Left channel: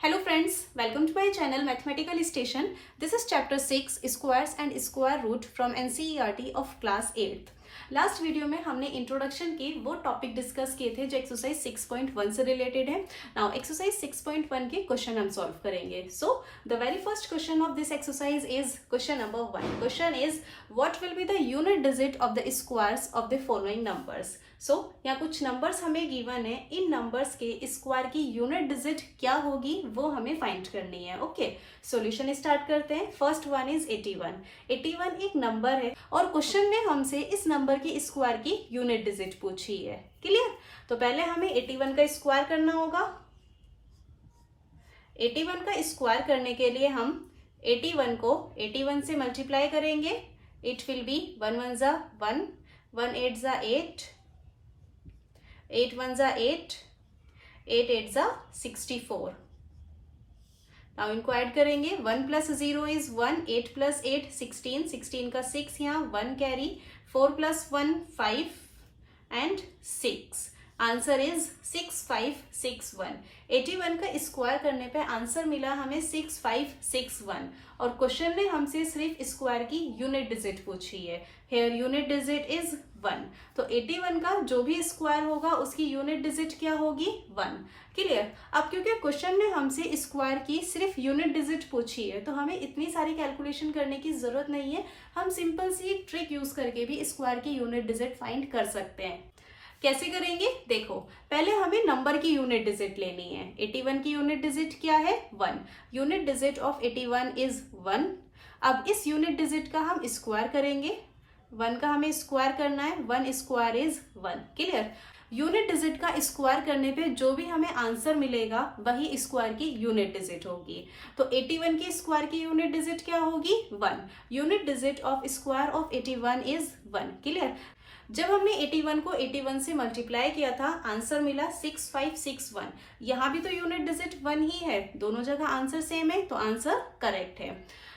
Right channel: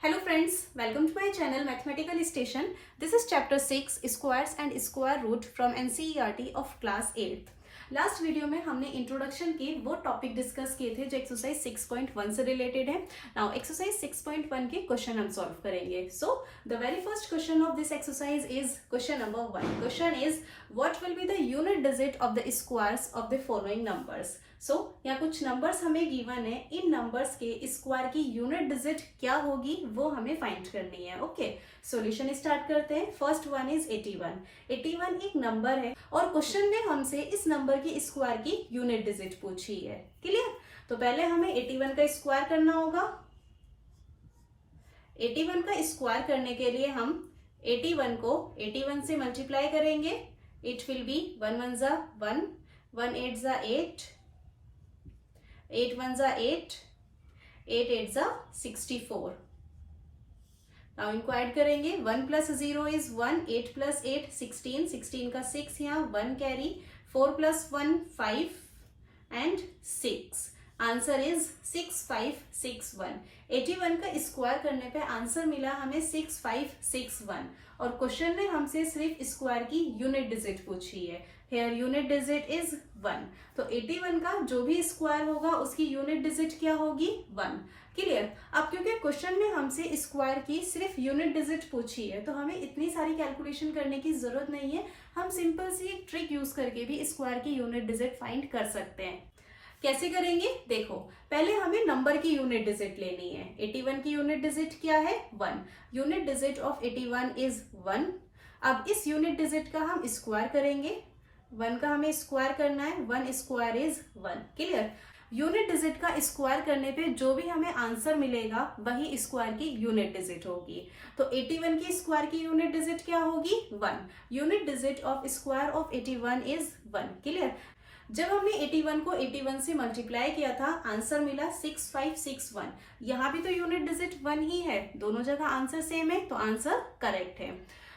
Hello friends, welcome to my channel Mathematical Station. This is chapter 6 Squares and Square Root from NCERT of class 8th. Last video में हमने introduction की वो topic discuss किए थे जो exercise 6.1 से related है. नाउ एक्सरसाइज 6.1 के क्वेश्चन हम सॉल्व करेंगे. So the very first question of this exercise is question number 1. Question is what will be the unit digit of the squares of the following numbers. So यहाँ कुछ numbers हमें given है, इन numbers के square की unit digit क्या होगी वो हमें फाइंड करनी है. ओके, सॉल्यूशन स्टार्ट करते हैं. First one is 81. 81 एक नंबर है और क्वेश्चन में हमसे इस नंबर की स्क्वायर की यूनिट डिजिट पूछी है. क्लियर? तो पहले हमें 81 का स्क्वायर करना होगा. 81 का स्क्वायर करने के लिए हम 81 को 81 से मल्टीप्लाई करेंगे. इट विल बी 1 1 जा 1, 1 8 जा 8, 8 1 जा 8, 8 8 जा 64. नाउ इनको ऐड करेंगे. 1 प्लस 0 इज 1, 8 प्लस 8 16, 16 का 6 यहाँ 1 carry, 4 plus 1 5 and 6. Answer is 6561. 81 का स्क्वायर करने पे आंसर मिला हमें 6561 और क्वेश्चन ने हमसे सिर्फ स्क्वायर की यूनिट डिजिट पूछी है. Here unit digit is 1. तो 81 का जो भी स्क्वायर होगा उसकी यूनिट डिजिट क्या होगी? 1. क्लियर? अब क्योंकि क्वेश्चन ने हमसे स्क्वायर की सिर्फ यूनिट डिजिट पूछी है तो हमें इतनी सारी कैलकुलेशन करने की जरूरत नहीं है. हम सिंपल सी ट्रिक यूज करके भी स्क्वायर की यूनिट डिजिट फाइंड कर सकते हैं. कैसे करेंगे? देखो, पहले हमें नंबर की यूनिट डिजिट लेनी है. 81 की यूनिट डिजिट क्या है? 1. Unit digit of 81 is 1. अब इस यूनिट डिजिट का हम स्क्वायर करेंगे. 1 का हमें स्क्वायर करना है. 1 square is 1. Clear? Unit digit का स्क्वायर करने पे जो भी हमें आंसर मिलेगा वही स्क्वायर की यूनिट डिजिट होगी. तो 81 की स्क्वायर की यूनिट डिजिट क्या होगी? 1. Unit digit of square of 81 is 1. Clear? जब हमने 81 को 81 से मल्टीप्लाई किया था आंसर मिला 6561. यहाँ भी तो यूनिट डिजिट 1 ही है, दोनों जगह आंसर सेम है तो आंसर करेक्ट है.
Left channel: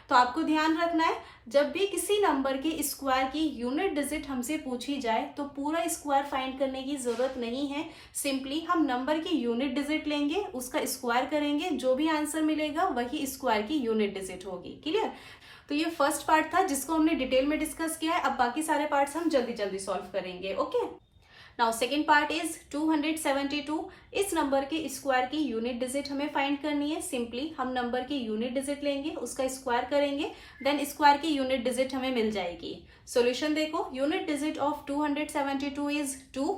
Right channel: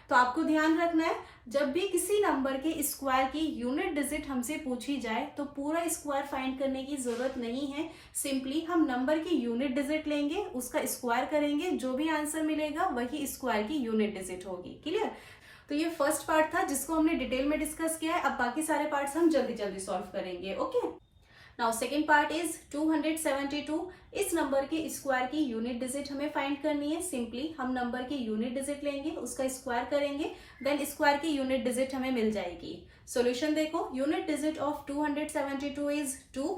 तो आपको ध्यान रखना है, जब भी किसी नंबर के स्क्वायर की यूनिट डिजिट हमसे पूछी जाए तो पूरा स्क्वायर फाइंड करने की जरूरत नहीं है. सिंपली हम नंबर की यूनिट डिजिट लेंगे, उसका स्क्वायर करेंगे, जो भी आंसर मिलेगा वही स्क्वायर की यूनिट डिजिट होगी. क्लियर? तो ये फर्स्ट पार्ट था जिसको हमने डिटेल में डिस्कस किया है. अब बाकी सारे पार्ट्स हम जल्दी जल्दी सॉल्व करेंगे. Okay, now second part is 272. इस नंबर के स्क्वायर की यूनिट डिजिट हमें फाइंड करनी है. सिंपली हम नंबर की यूनिट डिजिट लेंगे, उसका स्क्वायर करेंगे, देन स्क्वायर की यूनिट डिजिट हमें मिल जाएगी. सॉल्यूशन देखो, unit digit of 272 is 2.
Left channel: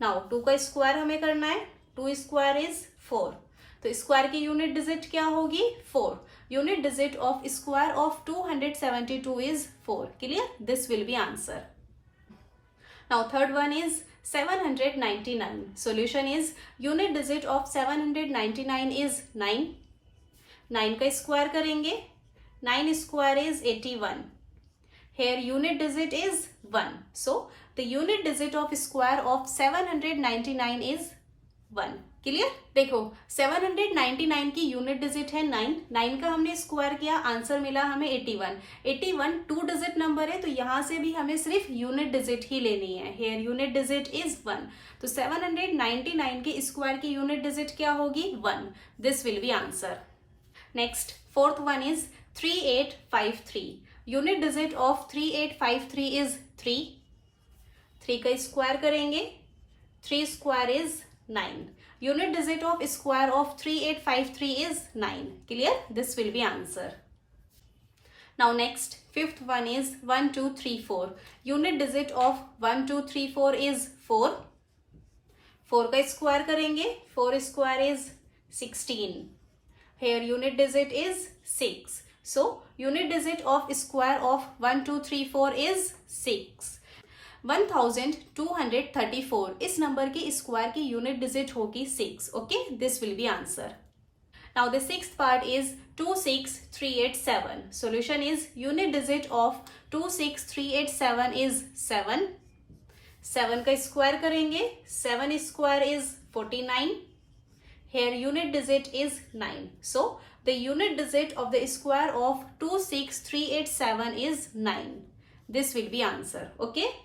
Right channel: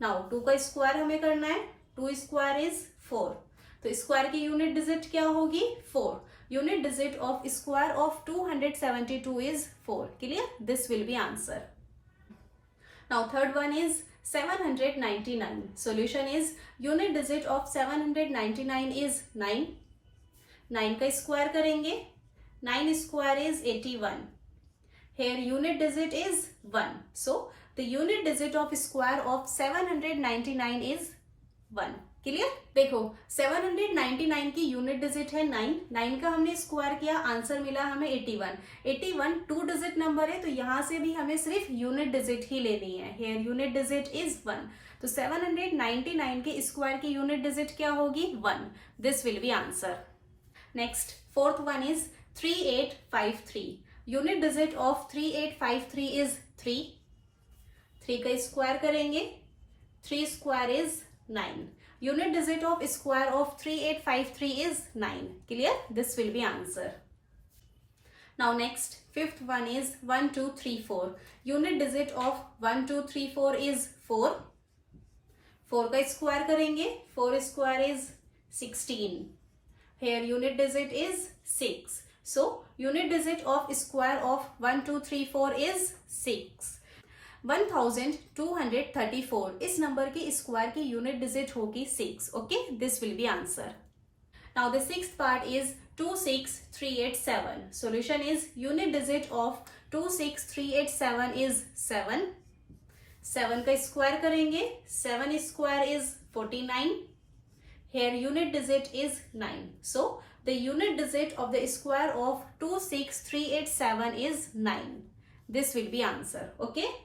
Now 2 का स्क्वायर हमें करना है. 2 स्क्वायर इज 4. तो स्क्वायर की यूनिट डिजिट क्या होगी? 4. Unit digit of square of 272 is 4. Clear? This will be answer. Now third one is 799. Solution is unit digit of 799 is 9. 9 का square करेंगे. 9 square is 81. Here unit digit is 1. So the unit digit of square of 799 is 1. Clear? देखो, 799 की unit digit है 9. 9 का हमने square किया, answer मिला हमें 81. 81 2 डिजिट नंबर है तो यहां से भी हमें सिर्फ यूनिट डिजिट ही लेनी है. Here unit digit is 1. तो 799 के स्क्वायर की यूनिट डिजिट क्या होगी? 1. This will be answer. Next fourth one is 3853. Unit digit of 3853 is 3. 3 का स्क्वायर करेंगे. 3 square is 9. Unit digit of square of 3853 is 9. Clear? This will be answer. Now next, fifth one is 1234. Unit digit of 1234 is 4. 4 का square करेंगे. 4 square is 16. Here unit digit is 6. So unit digit of square of 1234 is 6. 1234. इस number की square की unit digit होगी 6. Okay, this will be answer. Now the sixth part is 26387. Solution is unit digit of 26387 is 7. 7 का square करेंगे. 7 square is 49. Here unit digit is 9. So the unit digit of the square of 26387 is 9. This will be answer. Okay,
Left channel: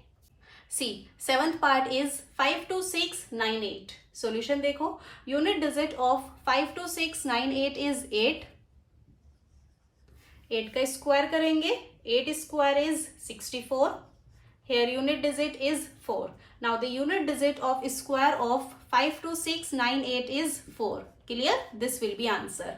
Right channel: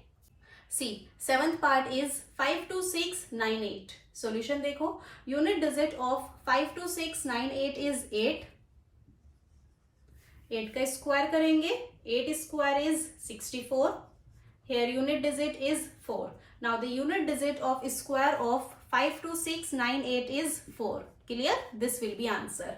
See, seventh part is 52698. Solution देखो, unit digit of 5 to 6 9 8 is 8. 8 का square करेंगे, 8 square is 64. Here unit digit is 4. Now the unit digit of square of 5 to 6 9 8 is 4. Clear? This will be answer.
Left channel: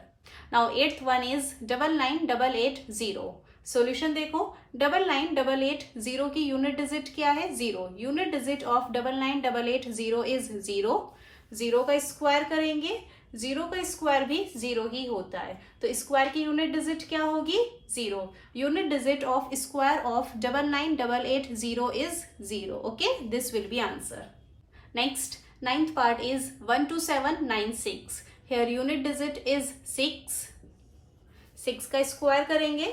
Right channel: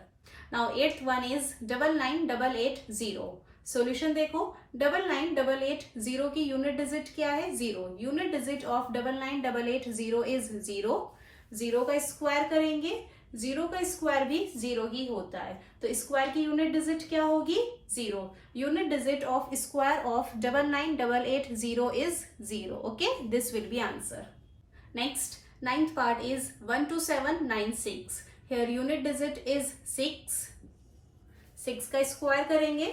Now 8th one is 99880. Solution देखो, 99880 की unit digit क्या है? 0. Unit digit of 99880 is 0. 0 का square करेंगे, 0 का square भी 0 ही होता है, तो स्क्वायर की यूनिट डिजिट क्या होगी? 0. Unit digit of square of 99880 is 0. Okay, this will be answer. Next, 9th part is 12796. Here unit digit is 6. 6 का स्क्वायर करेंगे,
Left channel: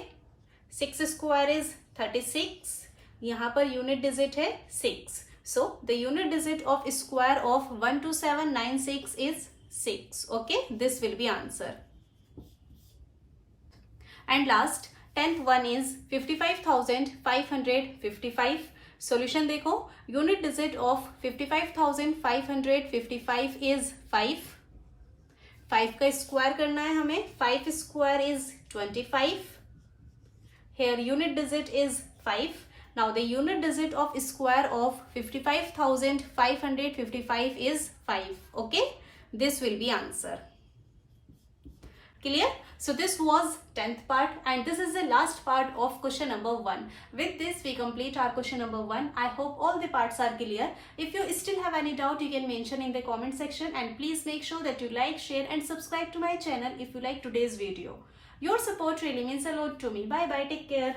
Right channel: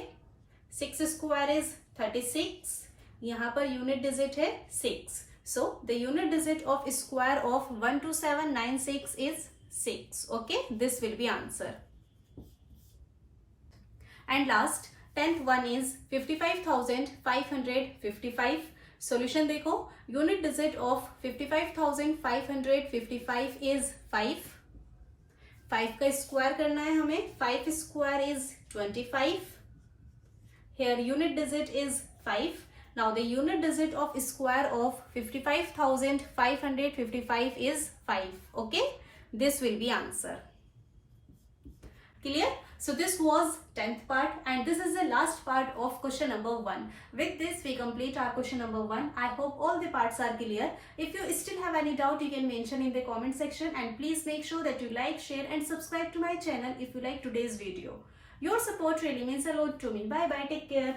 6 स्क्वायर इज 36. यहाँ पर यूनिट डिजिट है 6. So the unit digit of square of 12796 is 6. Okay, this will be answer. And last, 10th one is 55,555. Solution देखो, unit digit of 55,555 is 5. 5 का square करना है हमें, 5 square is 25. Here unit digit is 5. Now the unit digit of square of 55,555 is 5. Okay, this will be answer. Clear? So this was 10th part and this is the last part of question number 1. With this we complete our question number 1. I hope all the parts are clear. If you still have any doubt, you can mention in the comment section, and please make sure that you like, share and subscribe to my channel if you like today's video. Your support really means a lot to me. Bye bye, take care.